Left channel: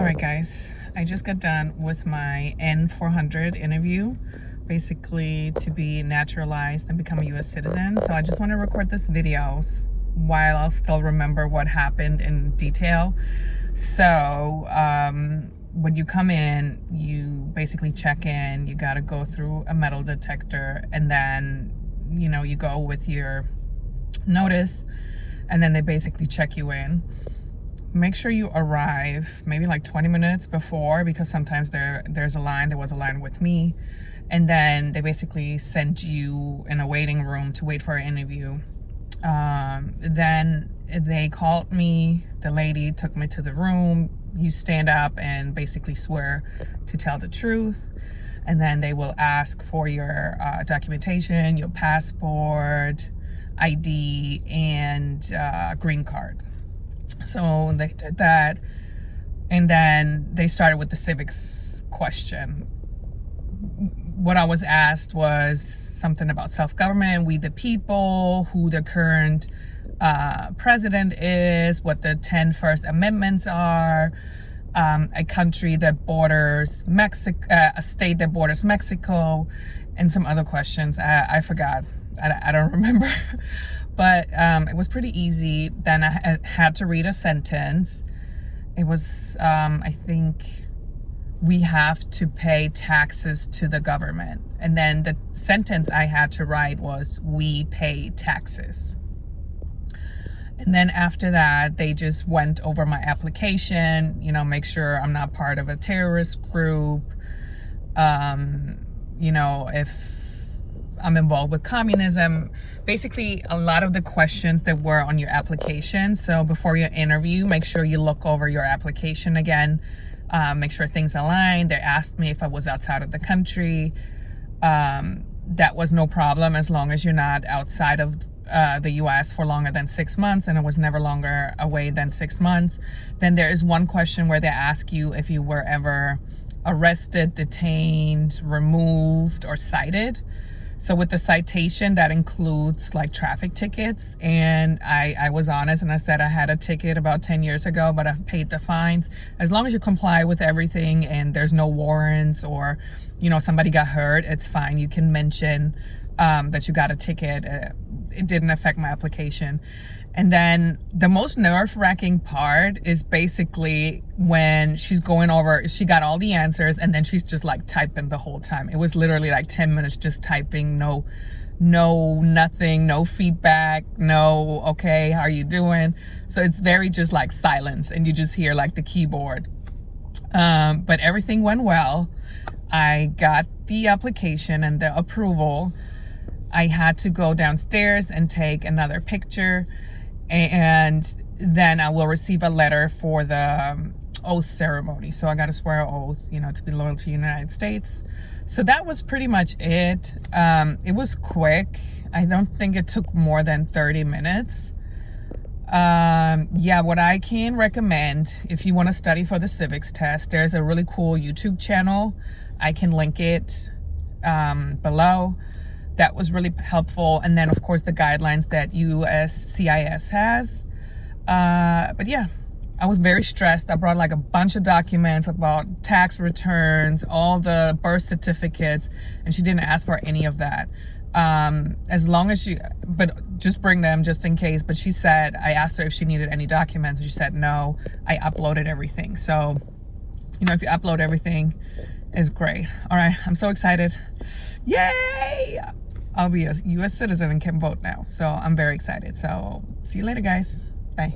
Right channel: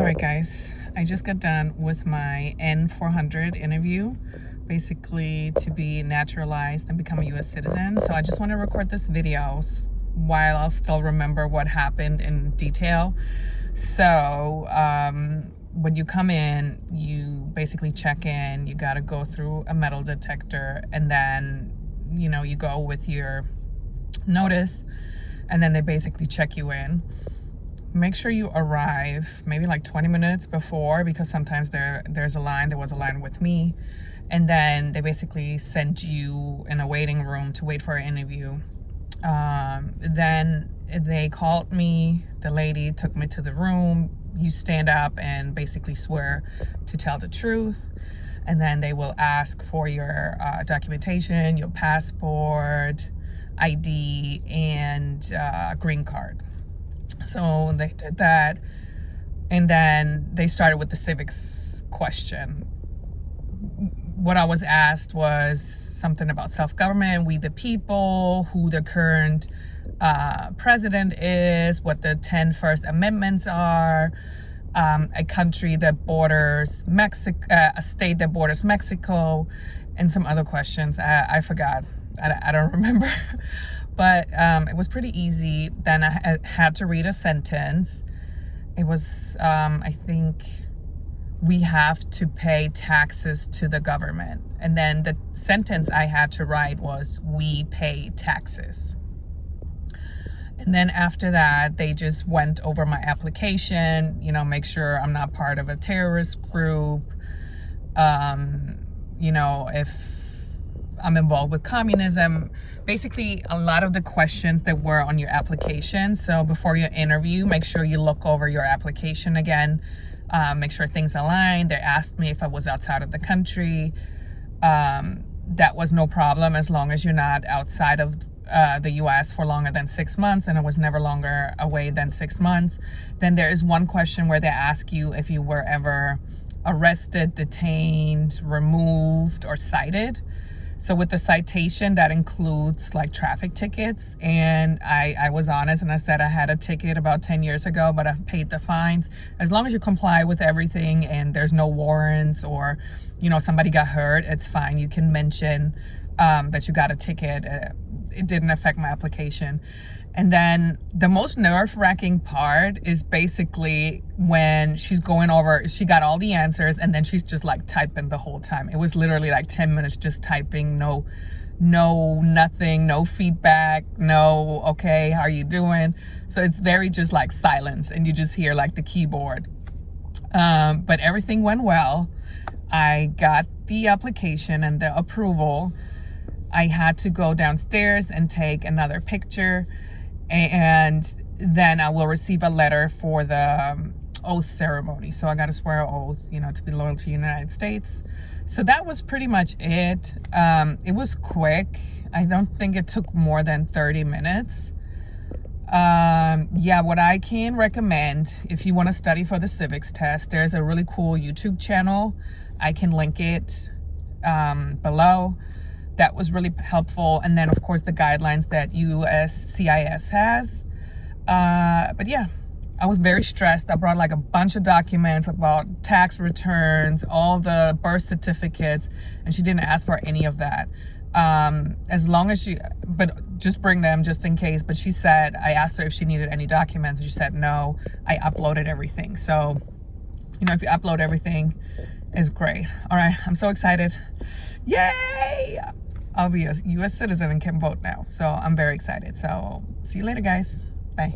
All right, guys, I just got done with my N-400 interview, basically to be naturalized and become a U.S. citizen. So I just want to record this video while I'll still remember what happened in detail. So when you come in, you basically check in, you got to go through a metal detector, and then, you go with your notice, and then they basically check you in. Make sure you arrive maybe like 20 minutes before, because sometimes there's a line. There was a line with me, and then they basically send you in a waiting room to wait for an interview. Then they called me. The lady took me to the room. You stand up and basically swear to tell the truth, and then they will ask for your documentation, your passport, ID, and green card. So they did that, and then they started with the civics question. What I was asked was something about self-government, we the people, who the current president is, what the 10 First Amendments are, a country that borders Mexico, a state that borders Mexico, and some other questions. I forgot. I don't remember. But it was pretty easy. Then I had to read a sentence. It was, I think, we have to pay taxes to the government. And then the sentence I had to write was, we pay taxes. And then after that, they just went over my application, make sure I'm not part of a terrorist group, if I'm involved with communism. Basically, a lot of the questions that were on your application. So before your interview, make sure you look over your application again. Make sure things align. They asked me if I was outside of the country. That was no problem, as long as you're not outside of the U.S. for longer than 6 months, and it was never longer away than 6 months. Then there is one question where they ask you if you were ever arrested, detained, removed, or cited. So with the citation, that includes like traffic tickets. And I was honest and I said I had a ticket about 10 years ago, but I've paid the fines. As long as you comply with everything and there's no warrants, or, somebody got hurt, it's fine. You can mention that you got a ticket. It didn't affect my application. And then the most nerve-wracking part is basically when she's going over, she got all the answers, and then she's just like typing the whole time. It was literally like 10 minutes just typing, no, nothing, no feedback, no, okay, how are you doing? So it's very just like silence, and you just hear like the keyboard. But everything went well. I got the application and the approval. I had to go downstairs and take another picture, and then I will receive a letter for the oath ceremony. So I got to swear an oath, to be loyal to the United States. So that was pretty much it. It was quick. I don't think it took more than 30 minutes. Yeah, what I can recommend if you want to study for the civics test, there's a really cool YouTube channel. I can link it below. That was really helpful. And then, of course, the guidelines that USCIS has. But yeah, I was very stressed. I brought like a bunch of documents about tax returns, all the birth certificates, and she didn't ask for any of that. As long as but just bring them just in case. But she said, I asked her if she needed any documents, and she said no. I uploaded everything. So, if you upload everything, it's great. All right, I'm so excited. Yay! I'll be a U.S. citizen and can vote now. So I'm very excited. So see you later, guys. Bye.